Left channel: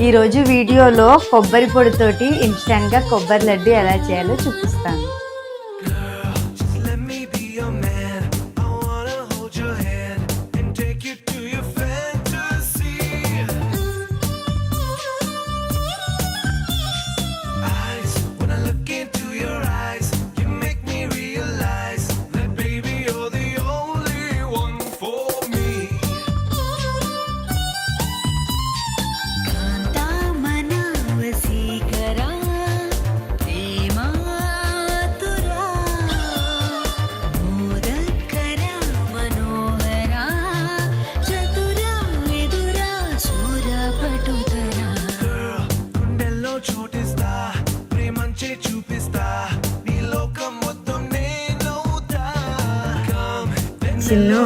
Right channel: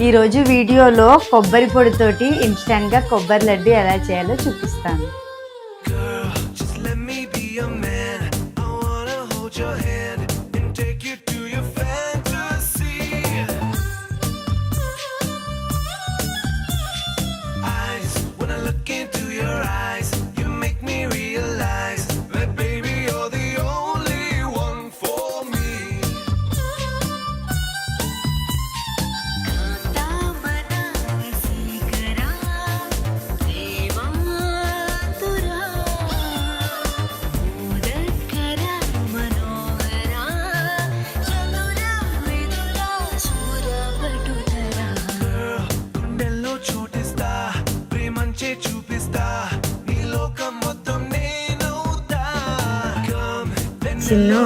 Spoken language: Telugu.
ఈరోజు వీడియోలో కొబ్బరి పొడితోటి ఇన్స్టెంట్గా కొబ్బరి లడ్డు ఎలా చేయాలో చూపిస్తాను. చిన్ను